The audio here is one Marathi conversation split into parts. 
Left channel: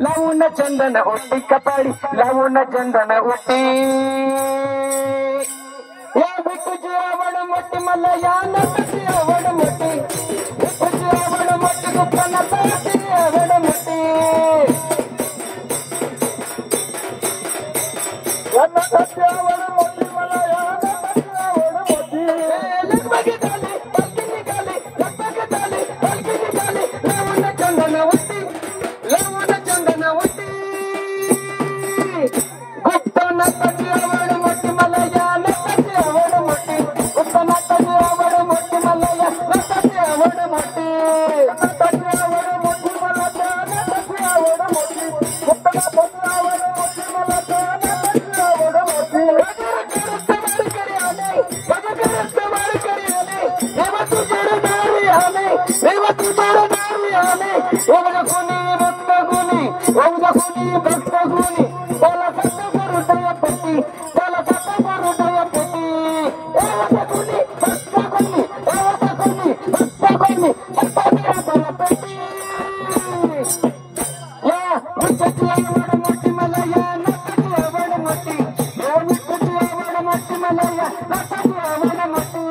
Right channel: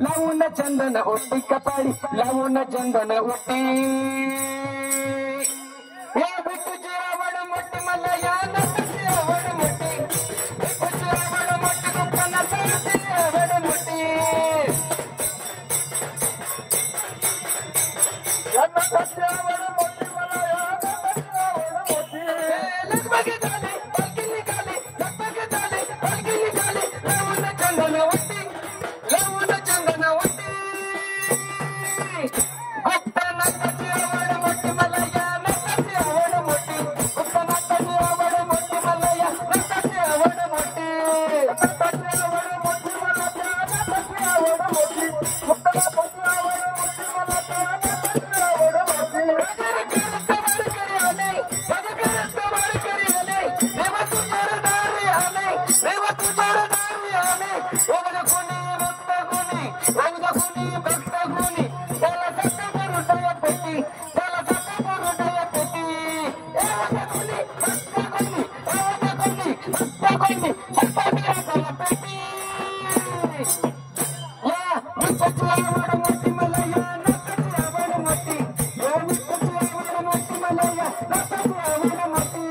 लावून चंदन ओटी कपाळी लावून चंदन ओटी या बिटूची आवड मोठी मला या नटाची आवड मोठी बिटूची आवड मोठी गुप्ताना ताची आवड मोठी या नटाची आवड मोठी मला या नटाची आवड मोठी लगबगी झाली पलकी निघाली लगबगी झाली पलकी निघाली लावून चंदन ओटी लावून चंदन ओटी गुप्ताना ताची आवड मोठी मला या नटाची आवड मोठी गुप्ताना ताची आवड मोठी मला या नटाची आवड मोठी नटाची आवड मोठी मला त्या नटाची आवड मोठी गुप्ताना ताची आवड मोठी मला त्या नटाची आवड मोठी देवा तुझ्या दारी आले देवा तुझ्या दारी आले एवढं कोणी भक्त गुणी एवढं कोणी भक्त गुणी त्याला सत्ता करू पटी त्याला सत्ता करू पटी एवढं कोणी भक्त गुणी एवढं कोणी भक्त गुणी सत्ता करू पटी या विठ्ठलाची आवड मोठी मला या नटाची आवड मोठी या विठ्ठलाची आवड मोठी मला या नटाची आवड मोठी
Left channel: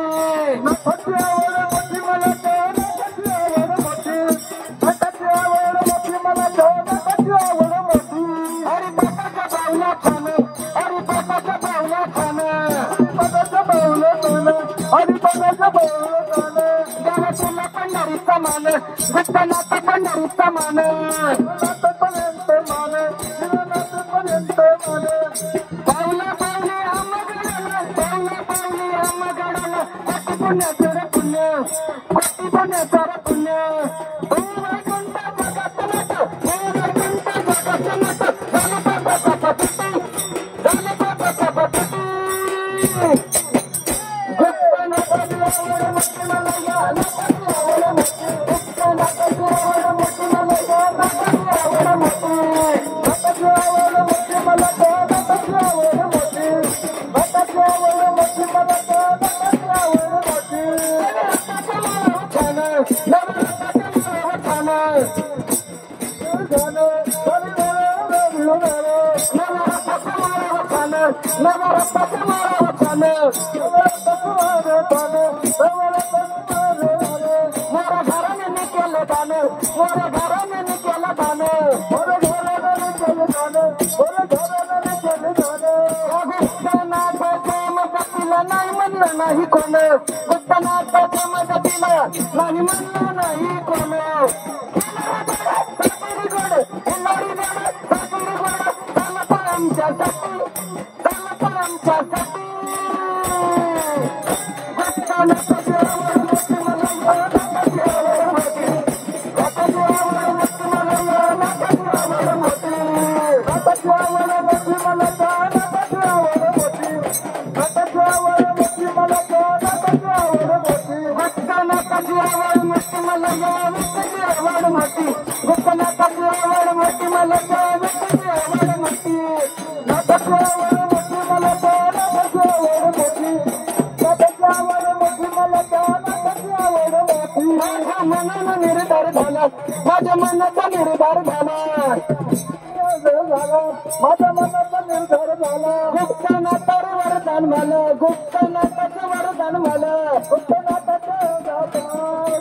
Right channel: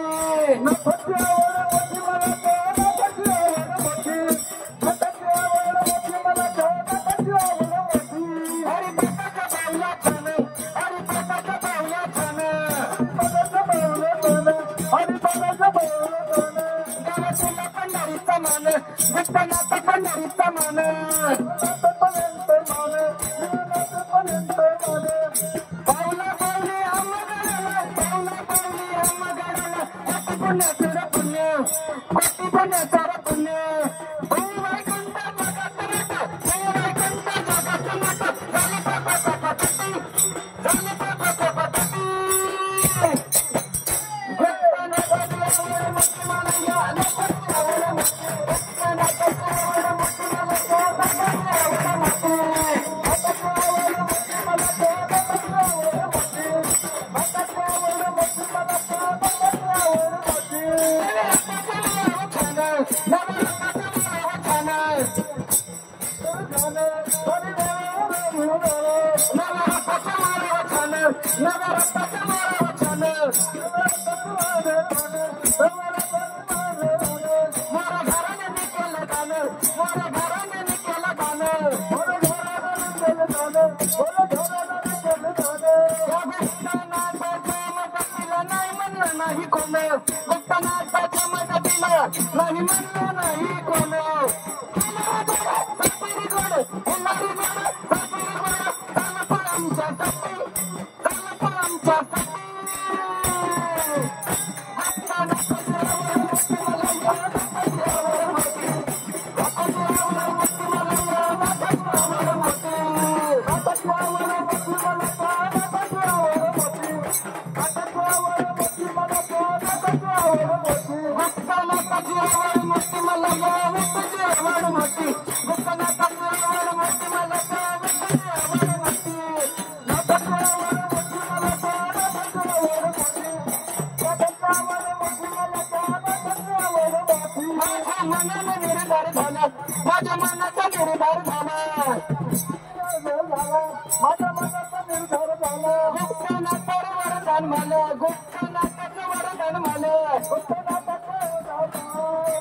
नटाची आवड मोठी मला त्या नटाची आवड मोठी नटाची आवड मोठी मला त्या नटाची आवड मोठी अरे बापाच्या बावला खाना अरे बापाच्या बावला खाना बापाच्या बावला खाना अरे बापाच्या बावला खाना गावातला पंढरीचा मान विठ्ठलाचा पंढरीचा मान पर्यंत मान पर्यंत मान पावला पावली आम्हाला पावला पावली आम्हाला कोटी पुण्याचं पुण्य कोटी पुण्याचं पुण्य वैकुंठ जगात नट वैकुंठ जगात नट झाले बाबाचा पती झाले बाबाचा पती गुप्तनाथाची आवड मोठी मला या नटाची आवड मोठी गुप्तनाथाची आवड मोठी मला या नटाची आवड मोठी नटाची आवड मोठी मला त्या नटाची आवड मोठी नटाची आवड मोठी मला त्या नटाची आवड मोठी नाही म्हणलं नाही कोण गुप्तनाथाच्या मदतीला नाही म्हणलं नाही कोण सासरी गोड हेलारी गोड सासरी गोड चाल तर आमच्यासाठी चाल तर आमच्यासाठी गुप्तनाथाची आवड मोठी मला या नटाची आवड मोठी नटाची आवड मोठी मला या नटाची आवड मोठी नटाची आवड मोठी मला त्या नटाची आवड मोठी नटाची आवड मोठी मला त्या नटाची आवड मोठी गुप्तनाथाची आवड मोठी मला या नटाची आवड मोठी गुप्तनाथाची आवड मोठी मला त्या नटाची आवड मोठी नटाची आवड मोठी मला त्या नटाची आवड मोठी नटाची आवड मोठी मला त्या नटाची आवड मोठी माझ्या मनाचा निर्धार झाला माझ्या मनाचा निर्धार झाला माझ्या मनाचा निर्धार झाला गुप्तनाथाचं वरदान मला गुप्तनाथाचं वरदान मला गुप्तनाथाचं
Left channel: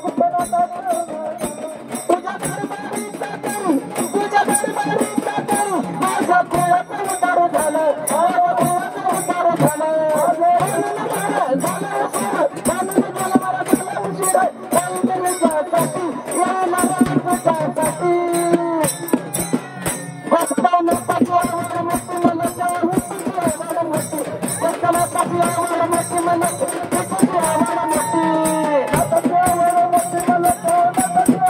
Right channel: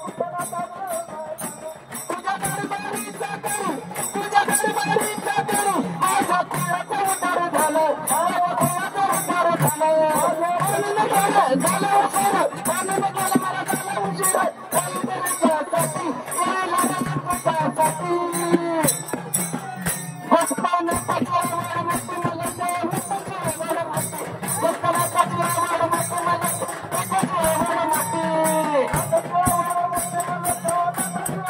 गुप्तनाथाचं तुझ्या दरबारीचा करू तुझ्या दरबारीचा करू माझ्या कुळाचा उतार झाला माझ्या कुळाचा उतार झाला झाला उशीर म्हणून गेला मला झाला उशीर तुझ्यासाठी यायला तुझ्यासाठी गुप्तनाथाची आवड मोठी मला त्या विठ्ठलाची आवड मोठी गुप्तनाथाची आवड मोठी मला विठ्ठलाची आवड मोठी नटाची आवड मोठी मला त्या नटाची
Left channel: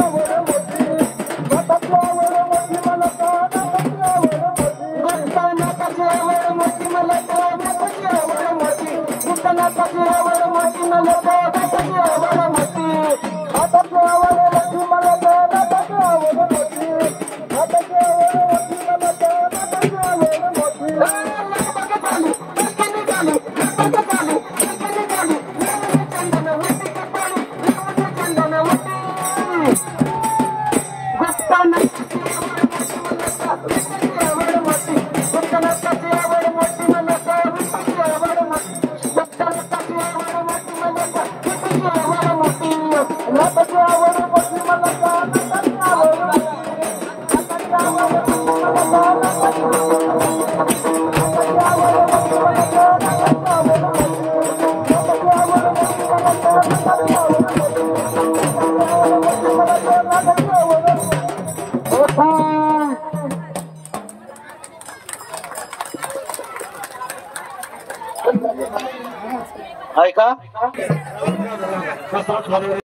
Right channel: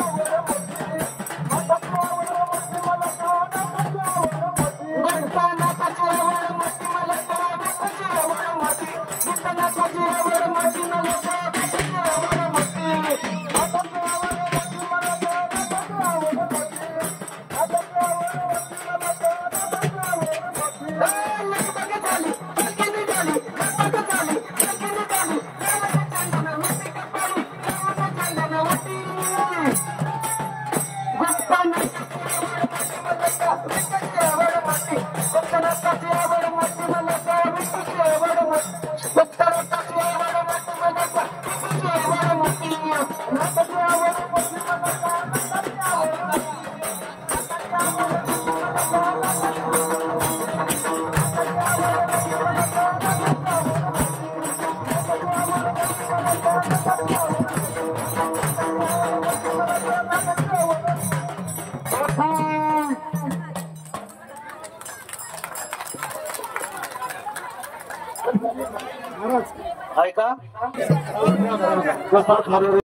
ऐका